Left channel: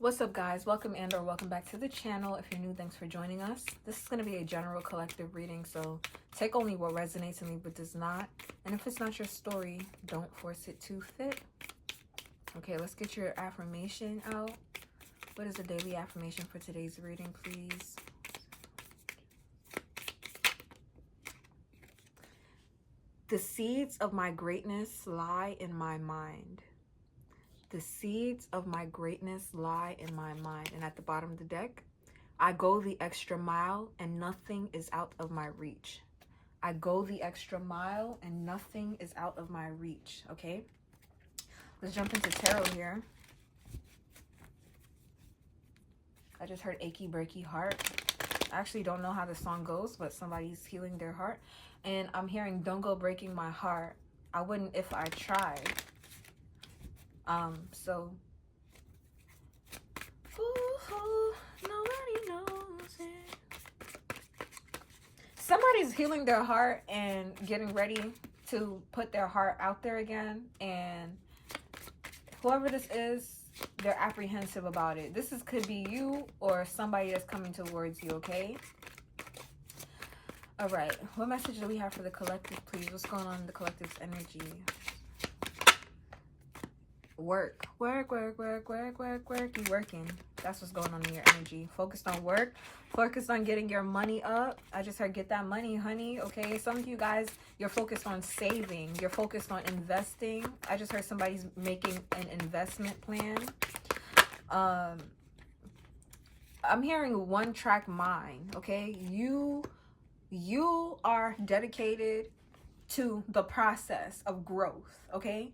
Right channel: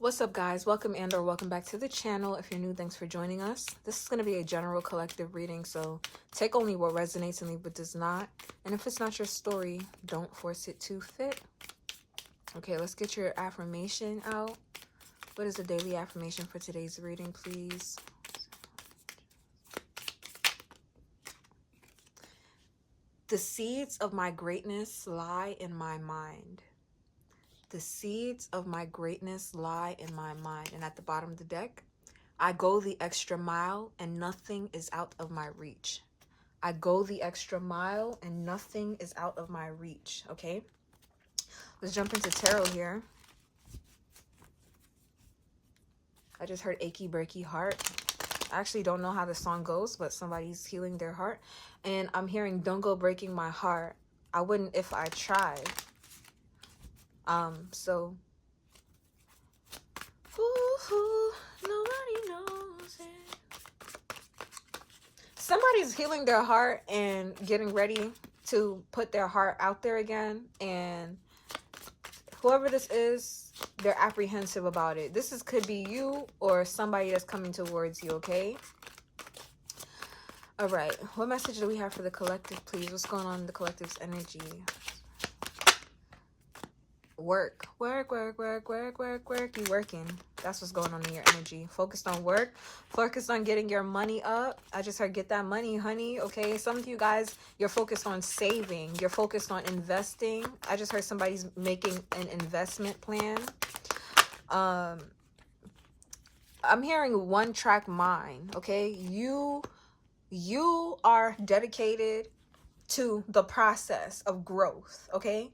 What's up, guys? Welcome and or welcome back to the channel. If you're new, thanks for joining us. This is going to be a general collective reading, so take only what resonates and leave what does not. And if it's not your story, don't force it to fit. Okay, let's get your affirmation out. What is the daily affirmation for today's reading, please? The seeds of my greatness lie in my mind. The seeds of my greatness lie in my mind. And at the bottom of the deck, I go the extra mile and nothing is out of my reach. I go the extra mile and nothing is out of my reach. Okay, let's jump into tarot here. I just heard achy breaky heart. I actually don't know how the song goes, but somebody's healing their heart. And I'm hearing don't go breaking my heart. I wouldn't if I tried. So ooh, nobody knows it. Somebody's healing their heart and getting ready to put their heart out there again, and whoever this is, they're apprehensive about it. Could be you or somebody that's coming towards you. Okay, all right, what message do we have for the collective, please? What's going on in the collective's energy? Work. You working. That's what's going on in your energy. Focused on work. Focused on getting your money up. I just heard get that money, honey. Okay, some of you guys, you're focused on saving. You're focused on investing. I just heard somebody's making an investment plan. I'm hearing one track mind. Okay, you are dedicated to the process of growth. Okay,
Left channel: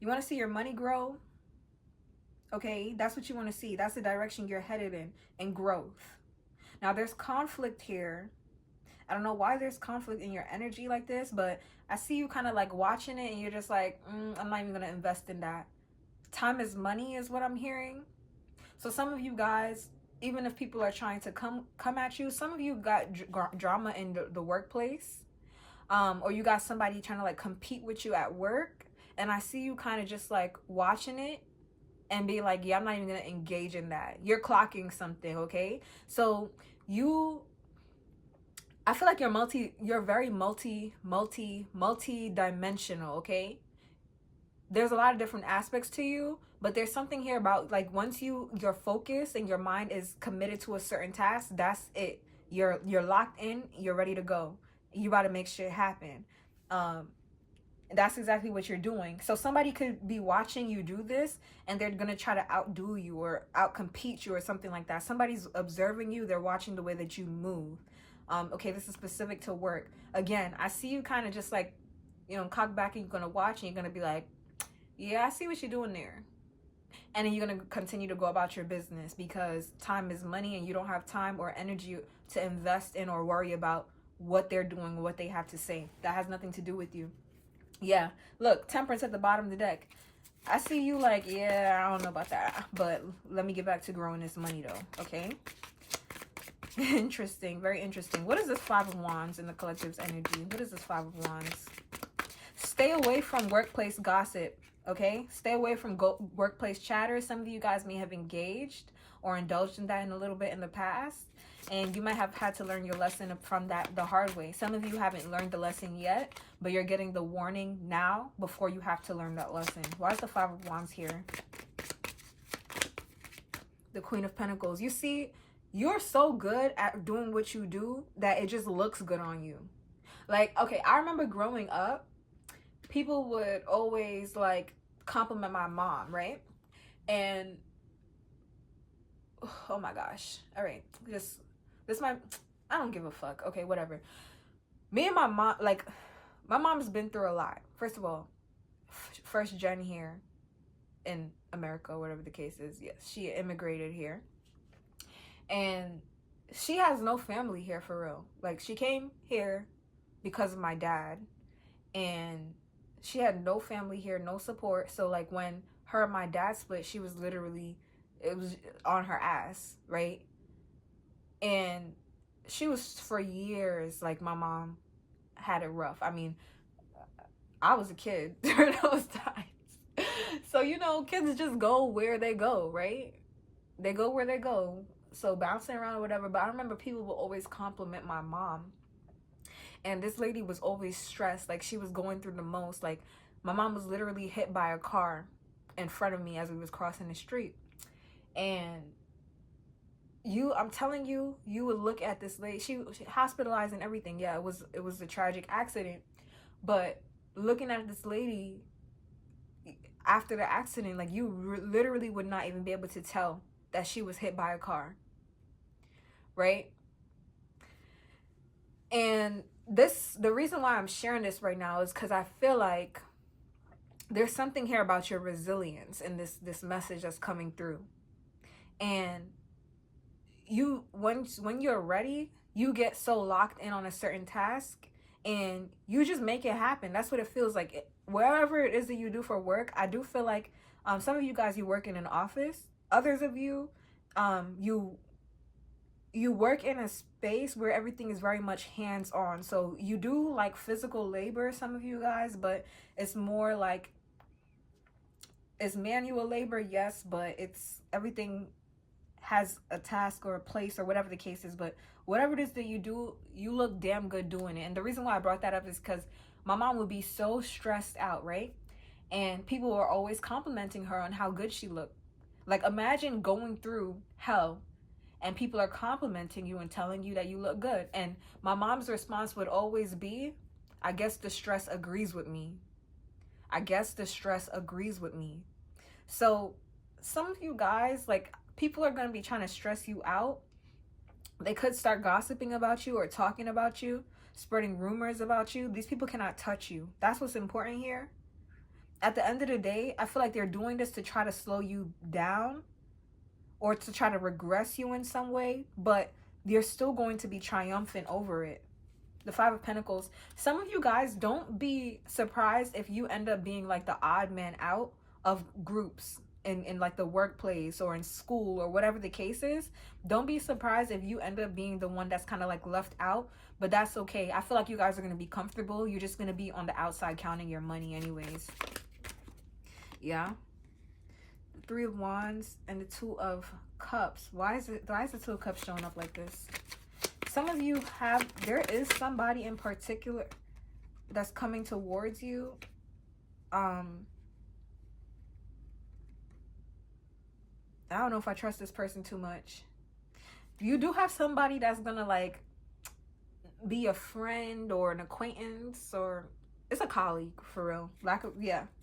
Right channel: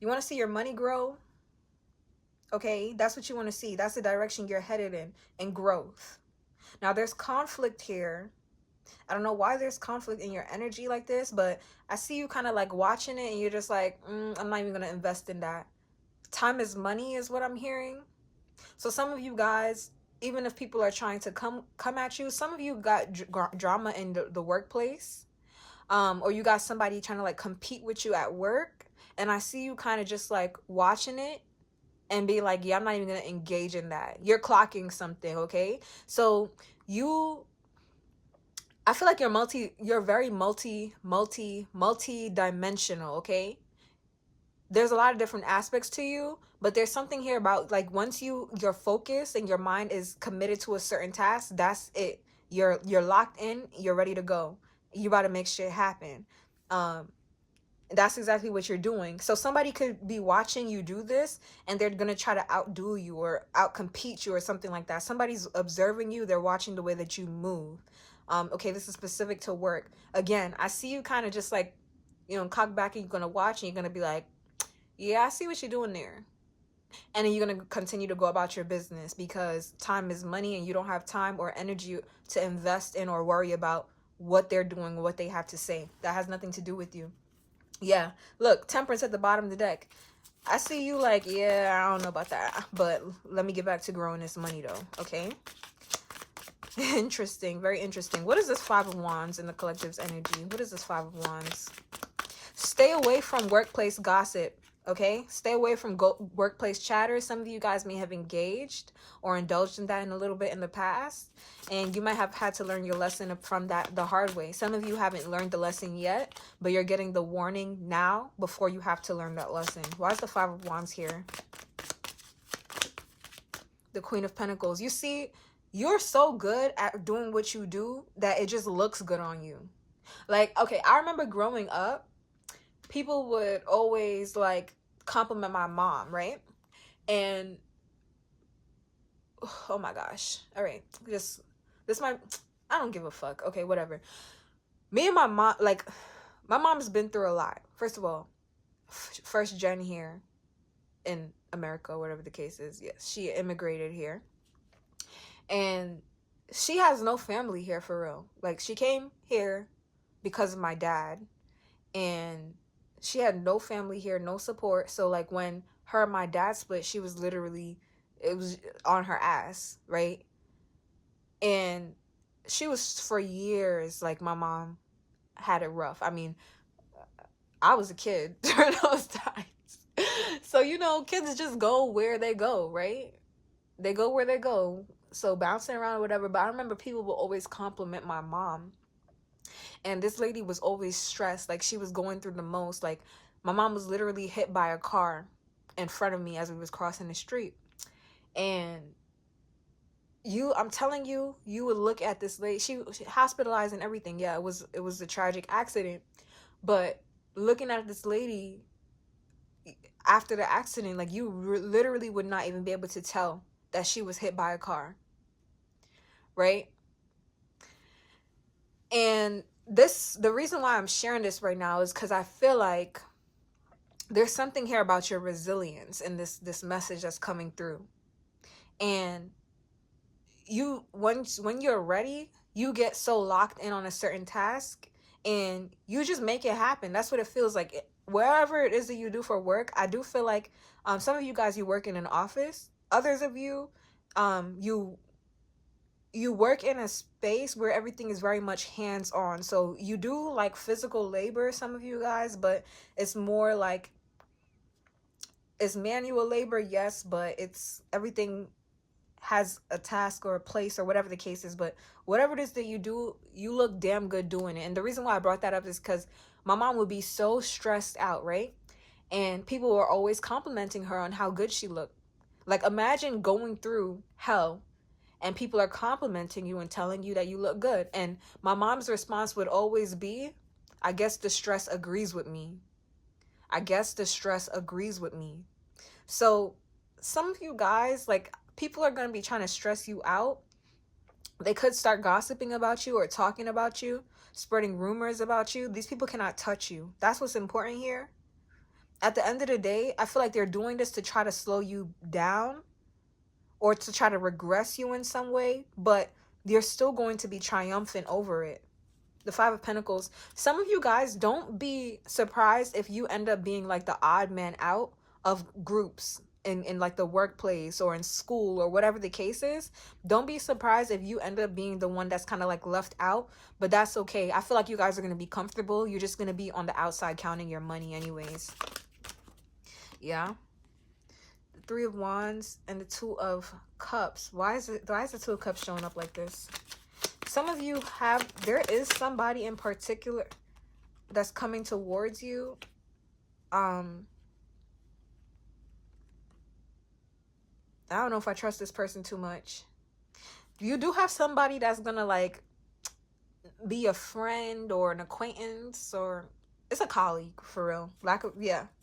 you want to see your money grow. Okay, that's what you want to see. That's the direction you're headed in growth. Now, there's conflict here. I don't know why there's conflict in your energy like this, but I see you kind of like watching it and you're just like, I'm not even going to invest in that. Time is money is what I'm hearing. So some of you guys, even if people are trying to come at you, some of you got drama in the workplace, or you got somebody trying to like compete with you at work. And I see you kind of just like watching it and be like, yeah, I'm not even going to engage in that. You're clocking something, okay? So I feel like you're very multi-dimensional, okay? There's a lot of different aspects to you, but there's something here about like once you're focused and your mind is committed to a certain task, that's it. You're locked in, you're ready to go. You about to make shit happen. That's exactly what you're doing. So somebody could be watching you do this and they're going to try to outdo you or outcompete you or something like that. Somebody's observing you. They're watching the way that you move. Okay, this is specific to work. Again, I see you kind of just like, cock back and you're going to watch and you're going to be like, yeah, I see what you're doing there. And then you're going to continue to go about your business because time is money and you don't have time or energy to invest in or worry about what they're doing, what they have to say. That has nothing to do with you. Yeah, look, Temperance at the bottom of the deck. I see you like, yeah, I don't know about that, but let me get back to growing this money though, okay? Interesting, very interesting. What is this Five of Wands in the collective's energy? What is this Five of Wands? Stay away from workplace gossip, okay? Stay away from workplace chatter. Some of you guys may have engaged or indulged in that in a little bit in the past, and you might have had to learn your lesson from that the hard way. Some of you haven't learned the lesson yet, but you're getting the warning now before you have to learn that lesson. Why is the Five of Wands here? The Queen of Pentacles. You see, you're so good at doing what you do that it just looks good on you. Like, okay, I remember growing up, people would always like compliment my mom, right? And oh my gosh, all right, this might, I don't give a fuck, okay, whatever. Me and my mom, like, my mom's been through a lot. First of all, first gen here in America, whatever the case is. Yes, she immigrated here and she has no family here for real. Like, she came here because of my dad and she had no family here, no support. So like when her and my dad split, she was literally, it was on her ass, right? And she was, for years, like, my mom had it rough. I mean, I was a kid during those times. So, kids just go where they go, right? They go where they go. So bouncing around or whatever. But I remember people will always compliment my mom. And this lady was always stressed. Like, she was going through the most. Like, my mom was literally hit by a car in front of me as we was crossing the street. And I'm telling you, you would look at this lady. She hospitalized and everything. Yeah, it was a tragic accident. But looking at this lady after the accident, like, you literally would not even be able to tell that she was hit by a car, right? And the reason why I'm sharing this right now is because I feel like there's something here about your resilience in this message that's coming through. And when you're ready, you get so locked in on a certain task and you just make it happen. That's what it feels like. Wherever it is that you do for work, I do feel like some of you guys, you work in an office. Others of you, you work in a space where everything is very much hands-on. So you do like physical labor, some of you guys, but it's more like it's manual labor, yes, but it's everything has a task or a place or whatever the case is. But whatever it is that you do, you look damn good doing it. And the reason why I brought that up is because my mom would be so stressed out, right? And people were always complimenting her on how good she looked. Like, imagine going through hell and people are complimenting you and telling you that you look good. And my mom's response would always be, I guess the stress agrees with me. I guess the stress agrees with me. So some of you guys, like, people are going to be trying to stress you out. They could start gossiping about you or talking about you, spreading rumors about you. These people cannot touch you. That's what's important here. At the end of the day, I feel like they're doing this to try to slow you down or to try to regress you in some way, but you're still going to be triumphant over it. The Five of Pentacles. Some of you guys, don't be surprised if you end up being like the odd man out of groups in like the workplace or in school or whatever the case is. Don't be surprised if you end up being the one that's kind of like left out, but that's okay. I feel like you guys are going to be comfortable. You're just going to be on the outside counting your money anyways. Yeah. The Three of Wands and the Two of Cups. Why is the Two of Cups showing up like this? Some of you there is somebody in particular that's coming towards you. I don't know if I trust this person too much. You do have somebody that's gonna like be a friend or an acquaintance, or it's a colleague for real.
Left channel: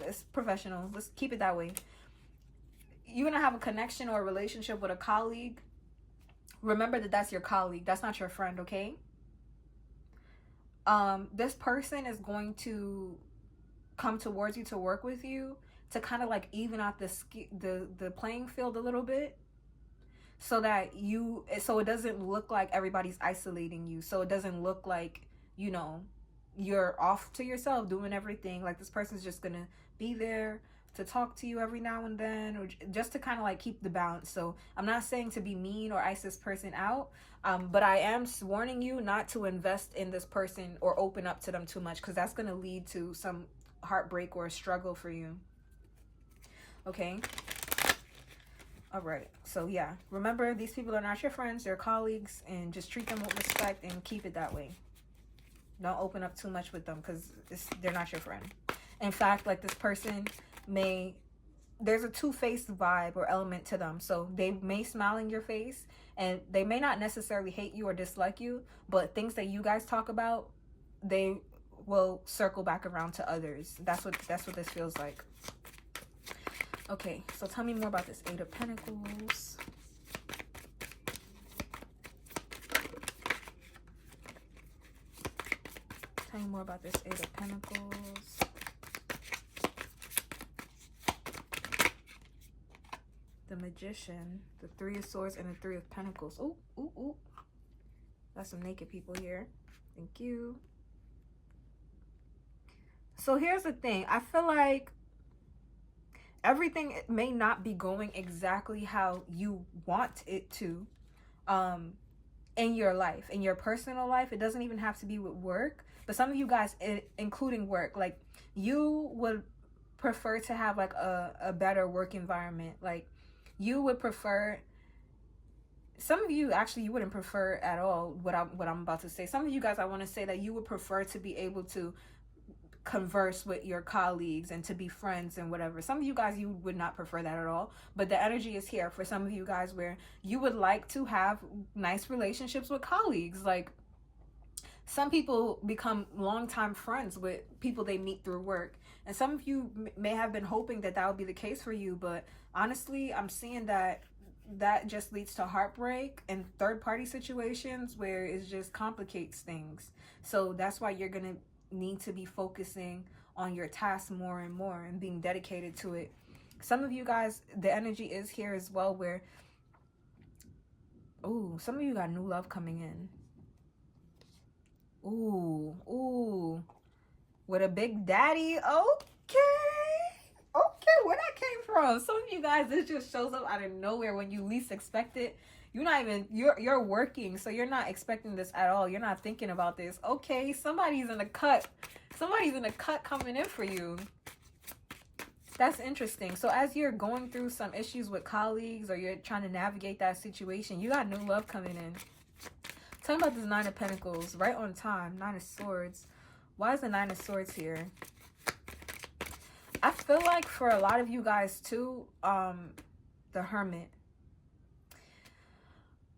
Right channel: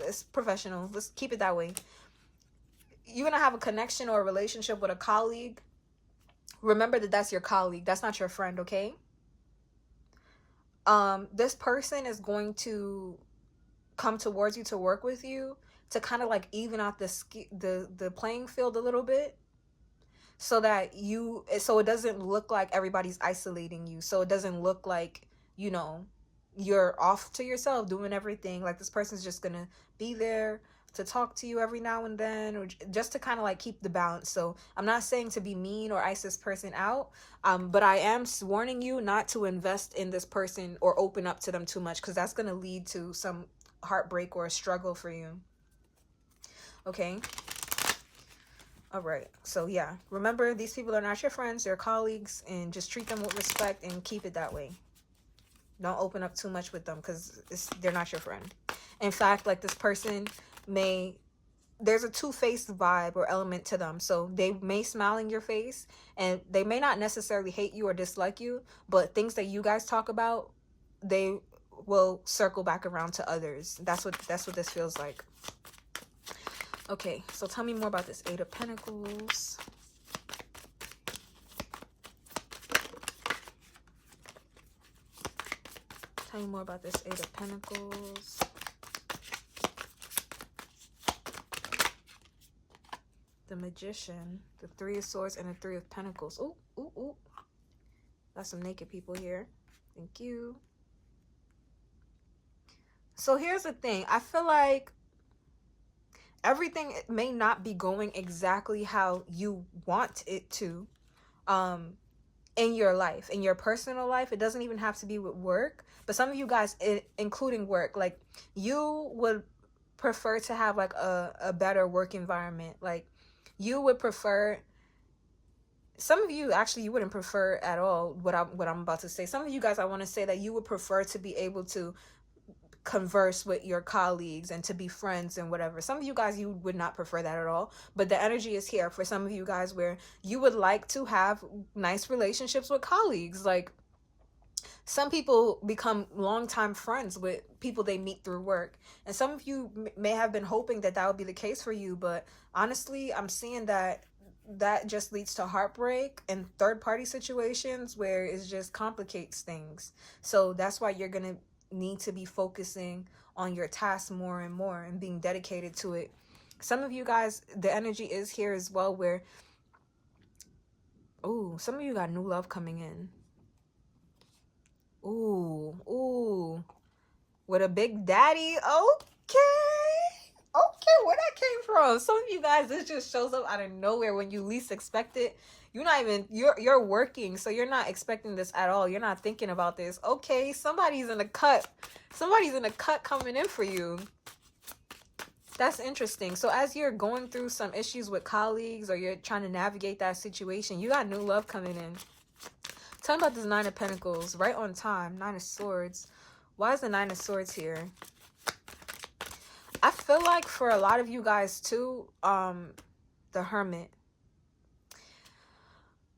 It's professional. Let's keep it that way. You're gonna have a connection or a relationship with a colleague. Remember that that's your colleague. That's not your friend, okay? This person is going to come towards you to work with you to kind of like even out the playing field a little bit, so it doesn't look like everybody's isolating you. So it doesn't look like, you're off to yourself doing everything. Like, this person's just gonna be there to talk to you every now and then, or just to kind of like keep the balance. So I'm not saying to be mean or ice this person out, but I am warning you not to invest in this person or open up to them too much, because that's going to lead to some heartbreak or a struggle for you. Okay. All right. So yeah, remember, these people are not your friends, they're colleagues, and just treat them with respect and keep it that way. Don't open up too much with them, because they're not your friend. In fact, like, this person there's a two-faced vibe or element to them. So they may smile in your face and they may not necessarily hate you or dislike you, but things that you guys talk about, they will circle back around to others. That's what this feels like. Okay, so tell me more about this Eight of Pentacles. Tell me more about this Eight of Pentacles. The Magician, the Three of Swords, and the Three of Pentacles. Ooh, ooh, ooh. That's some naked people here. Thank you. So here's the thing. I feel like everything may not be going exactly how you want it to in your life, in your personal life. It doesn't even have to be with work. But some of you guys, including work, like, you would prefer to have like a better work environment. Like, you would prefer some of you actually, you wouldn't prefer at all what I'm about to say. Some of you guys, I want to say that you would prefer to be able to converse with your colleagues and to be friends and whatever. Some of you guys, you would not prefer that at all, but the energy is here for some of you guys where you would like to have nice relationships with colleagues. Like, some people become longtime friends with people they meet through work, and some of you may have been hoping that that would be the case for you, but honestly, I'm seeing that that just leads to heartbreak and third party situations where it just complicates things. So that's why you're gonna need to be focusing on your task more and more and being dedicated to it. Some of you guys, the energy is here as well where, ooh, some of you got new love coming in. Ooh, with a big daddy. Okay, where that came from? Some of you guys, this just shows up out of nowhere when you least expect it. You're working, so you're not expecting this at all. You're not thinking about this. Okay, somebody's in the cut. Somebody's in the cut coming in for you. That's interesting. So as you're going through some issues with colleagues or you're trying to navigate that situation, you got new love coming in. Tell me about this Nine of Pentacles. Right on time. Nine of Swords. Why is the Nine of Swords here? I feel like for a lot of you guys too, the Hermit.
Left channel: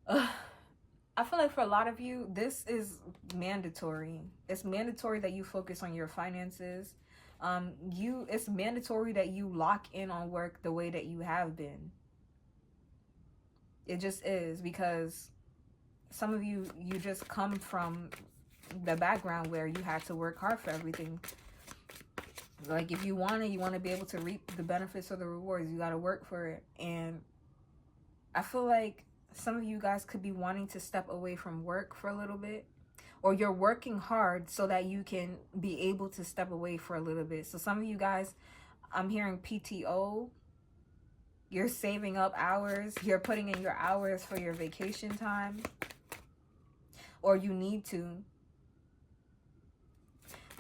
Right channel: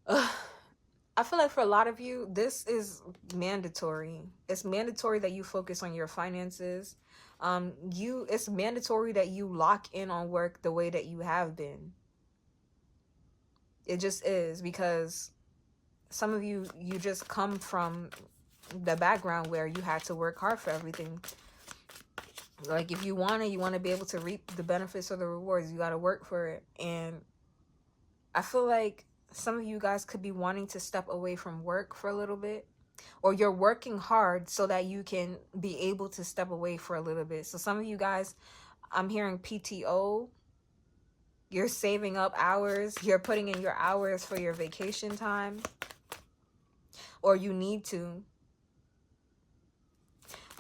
I feel like for a lot of you, this is mandatory. It's mandatory that you focus on your finances. It's mandatory that you lock in on work the way that you have been. It just is, because some of you just come from the background where you had to work hard for everything. Like, if you want to be able to reap the benefits or the rewards, you got to work for it. And I feel like some of you guys could be wanting to step away from work for a little bit, or you're working hard so that you can be able to step away for a little bit. So some of you guys, I'm hearing PTO. You're saving up hours. You're putting in your hours for your vacation time, or you need to.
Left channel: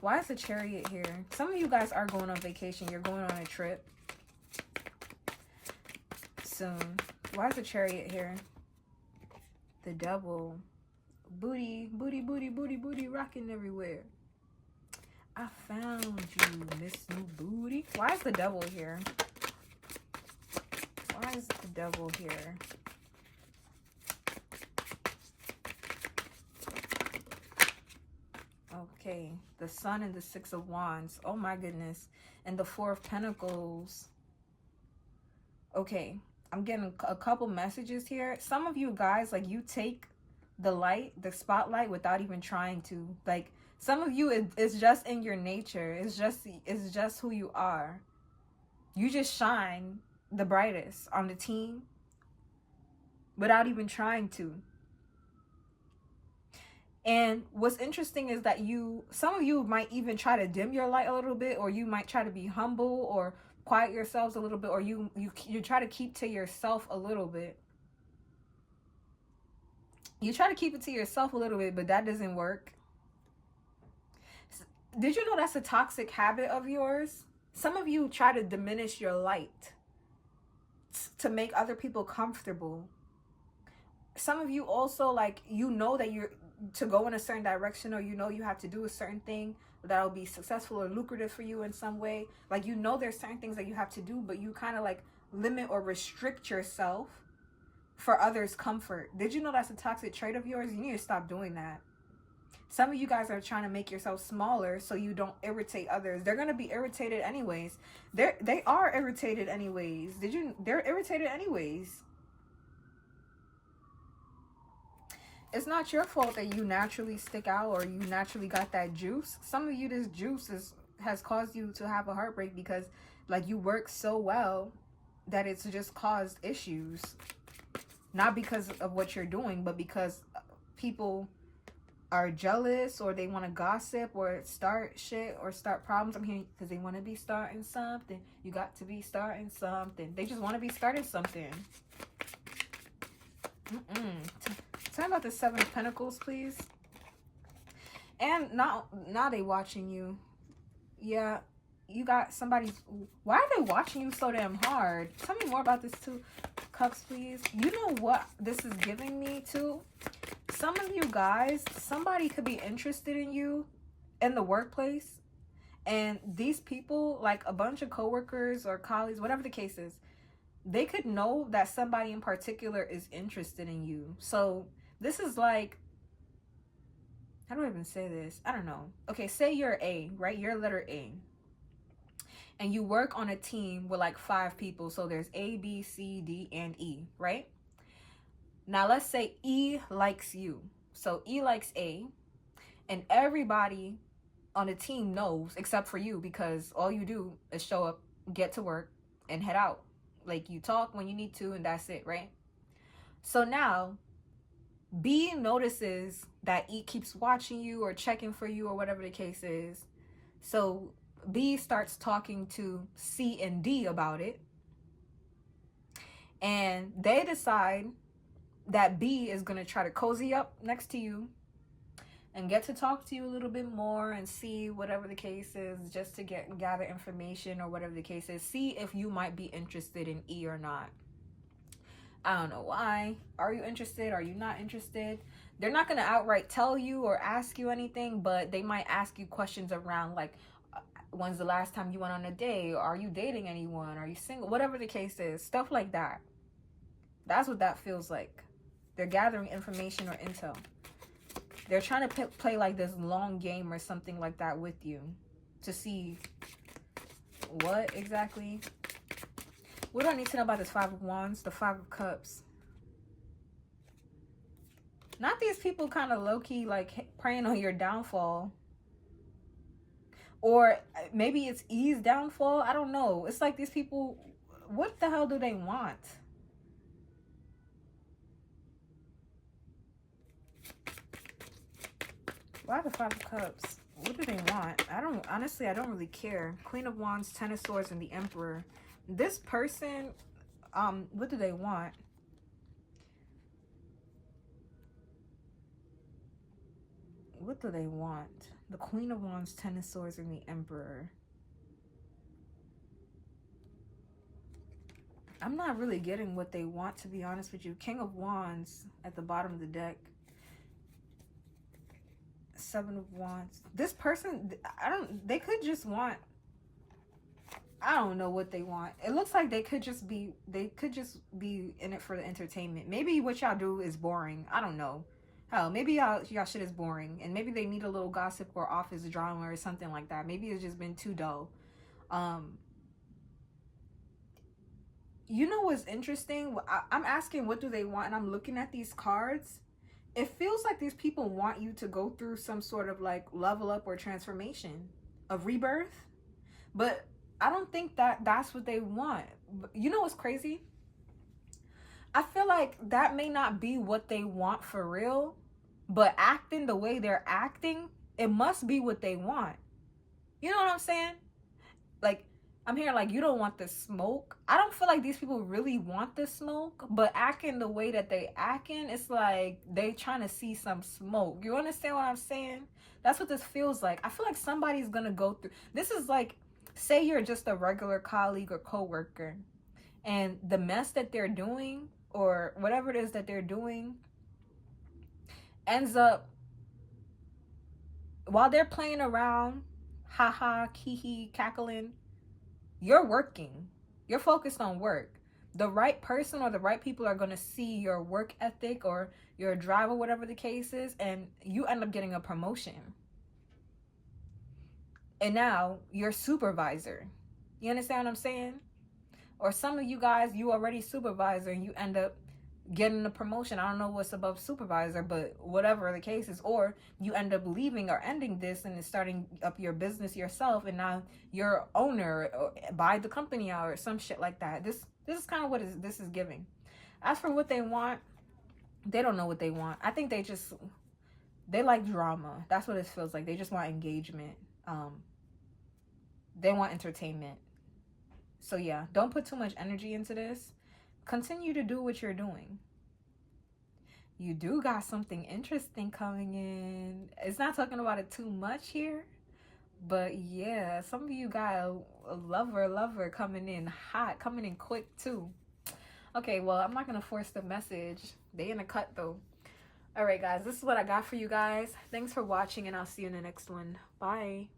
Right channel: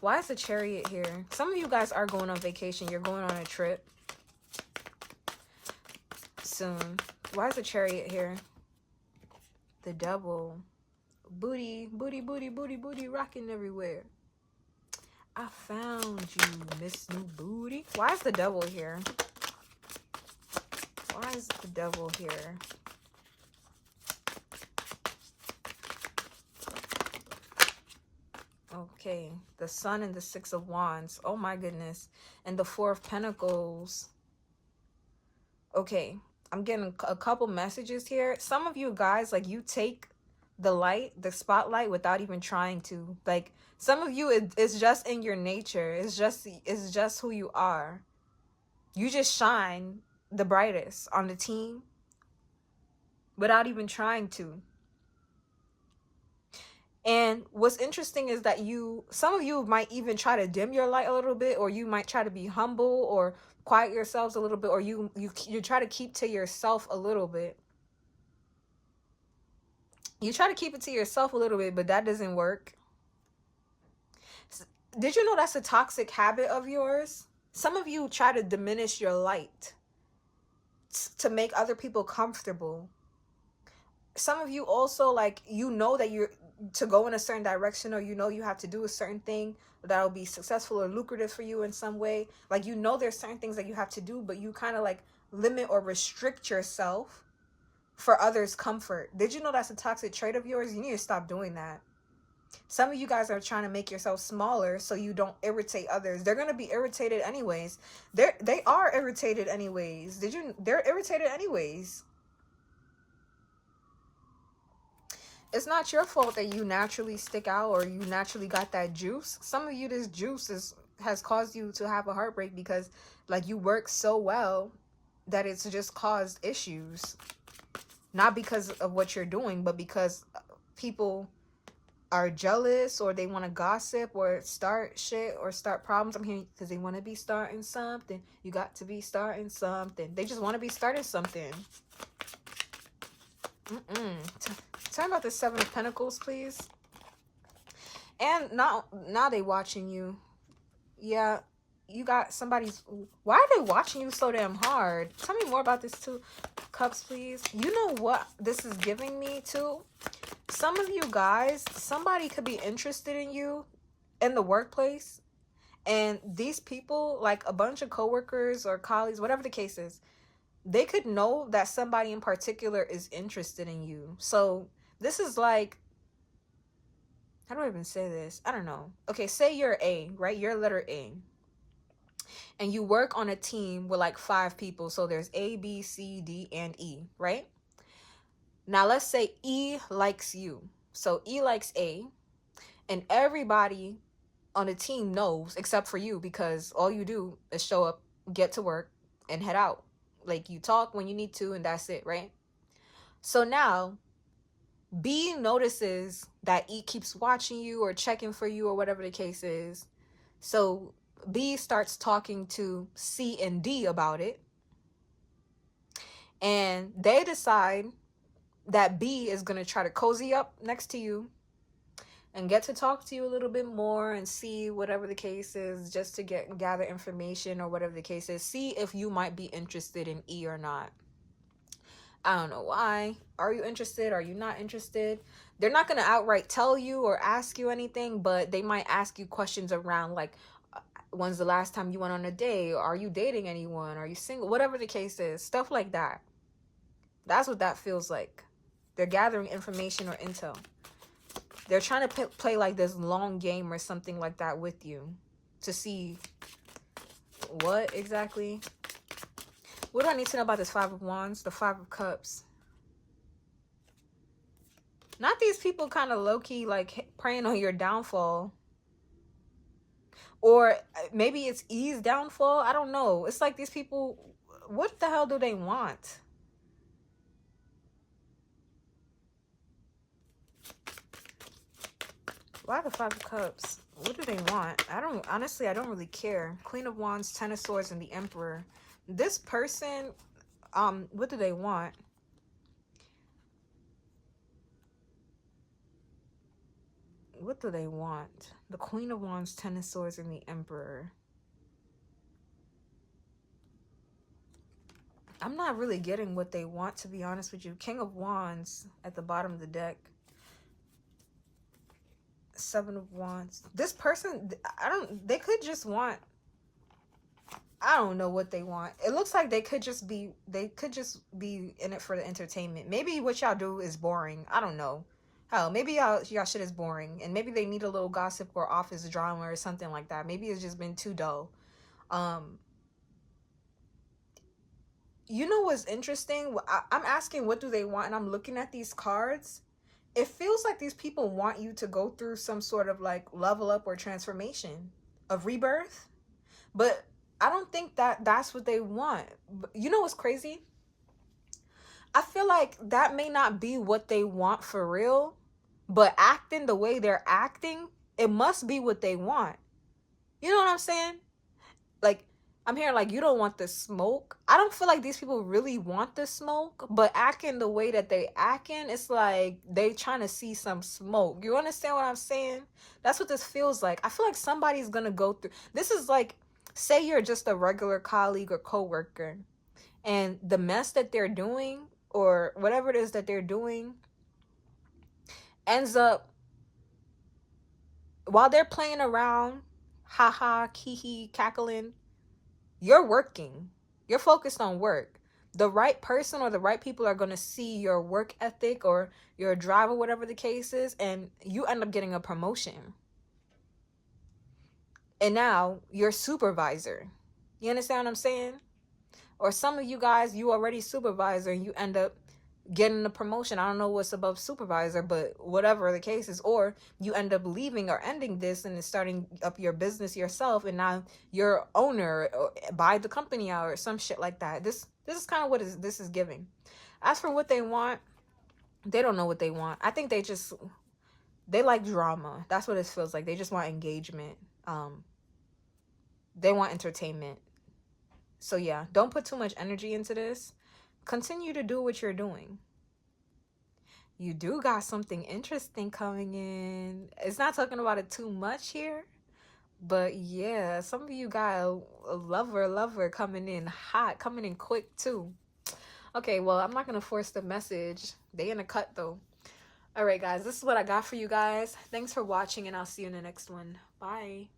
Why is the Chariot here? Some of you guys are going on vacation. You're going on a trip soon. Why is the Chariot here? The Devil. Booty, booty, booty, booty, booty, rocking everywhere. I found you, Miss New Booty. Why is the Devil here? Why is the Devil here? Okay, the Sun and the Six of Wands. Oh my goodness. And the Four of Pentacles. Okay, I'm getting a couple messages here. Some of you guys, like, you take the spotlight without even trying to. Like, some of you, it's just in your nature. It's just who you are. You just shine the brightest on the team without even trying to. And what's interesting is that some of you might even try to dim your light a little bit, or you might try to be humble or quiet yourselves a little bit, or you try to keep to yourself a little bit. You try to keep it to yourself a little bit, but that doesn't work. Did you know that's a toxic habit of yours? Some of you try to diminish your light to make other people comfortable. Some of you also, like, you know that you're to go in a certain direction, or you know you have to do a certain thing that will be successful or lucrative for you in some way. Like, you know there's certain things that you have to do, but you kind of like limit or restrict yourself for others' comfort. Did you know that's a toxic trait of yours? You need to stop doing that. Some of you guys are trying to make yourself smaller so you don't irritate others. They're going to be irritated anyways. They are irritated anyways. They're irritated anyways. It's not your fault that you naturally stick out or you naturally got that juice. Some of you, this juice has caused you to have a heartbreak because, like, you work so well that it's just caused issues. Not because of what you're doing, but because people are jealous, or they want to gossip or start shit or start problems. I'm hearing because they want to be starting something. You got to be starting something. They just want to be starting something. Tell me about the Seven of Pentacles, please. And now they watching you. Yeah, you got somebody's. Why are they watching you so damn hard? Tell me more about this too. Cups, please. You know what this is giving me too? Some of you guys, somebody could be interested in you in the workplace, and these people, like a bunch of coworkers or colleagues, whatever the case is, they could know that somebody in particular is interested in you. So this is like, how do I even say this? I don't know. Okay, say you're A, right? You're letter A. And you work on a team with like 5 people. So there's A, B, C, D, and E, right? Now let's say E likes you. So E likes A, and everybody on the team knows except for you, because all you do is show up, get to work, and head out. Like, you talk when you need to, and that's it, right? So now B notices that E keeps watching you or checking for you or whatever the case is. So B starts talking to C and D about it, and they decide that B is going to try to cozy up next to you and get to talk to you a little bit more and see whatever the case is, just to gather information or whatever the case is. See if you might be interested in E or not. I don't know why. Are you interested? Are you not interested? They're not going to outright tell you or ask you anything, but they might ask you questions around like, when's the last time you went on a date? Are you dating anyone? Are you single? Whatever the case is, stuff like that. That's what that feels like. They're gathering information or intel. They're trying to play like this long game or something like that with you to see what exactly. What do I need to know about this 5 of Wands? The 5 of Cups. Not these people kind of low-key like praying on your downfall. Or maybe it's E's downfall. I don't know. It's like these people, what the hell do they want? Why the 5 of Cups? What do they want? Honestly, I don't really care. Queen of Wands, 10 of Swords, and the Emperor. This person, what do they want? What do they want? The Queen of Wands, 10 of Swords, and the Emperor. I'm not really getting what they want, to be honest with you. King of Wands at the bottom of the deck. 7 of Wands. This person, they could just want, I don't know what they want. It looks like they could just be in it for the entertainment. Maybe what y'all do is boring. I don't know. Hell, maybe y'all shit is boring, and maybe they need a little gossip or office drama or something like that. Maybe it's just been too dull. You know what's interesting? I'm asking what do they want, and I'm looking at these cards. It feels like these people want you to go through some sort of like level up or transformation of rebirth, but I don't think that's what they want. You know what's crazy? I feel like that may not be what they want for real, but acting the way they're acting, it must be what they want. You know what I'm saying? Like, I'm hearing like, you don't want the smoke. I don't feel like these people really want the smoke, but acting the way that they acting, it's like they trying to see some smoke. You understand what I'm saying? That's what this feels like. I feel like somebody's gonna go through. This is like, say you're just a regular colleague or coworker, and the mess that they're doing or whatever it is that they're doing ends up, while they're playing around, haha, kiki, cackling, you're working. You're focused on work. The right person or the right people are going to see your work ethic or your drive or whatever the case is, and you end up getting a promotion. And now you're supervisor. You understand what I'm saying? Or some of you guys, you already supervisor and you end up getting the promotion. I don't know what's above supervisor, but whatever the case is. Or you end up leaving or ending this and starting up your business yourself, and now you're owner or buy the company out or some shit like that. This is kind of what this is giving. As for what they want, they don't know what they want. I think they like drama. That's what it feels like. They just want engagement. They want entertainment. So yeah, don't put too much energy into this. Continue to do what you're doing. You do got something interesting coming in. It's not talking about it too much here, but yeah, some of you got a lover coming in hot, coming in quick too. Okay, well, I'm not gonna force the message. They in a cut though. All right, guys, this is what I got for you guys. Thanks for watching, and I'll see you in the next one. Bye.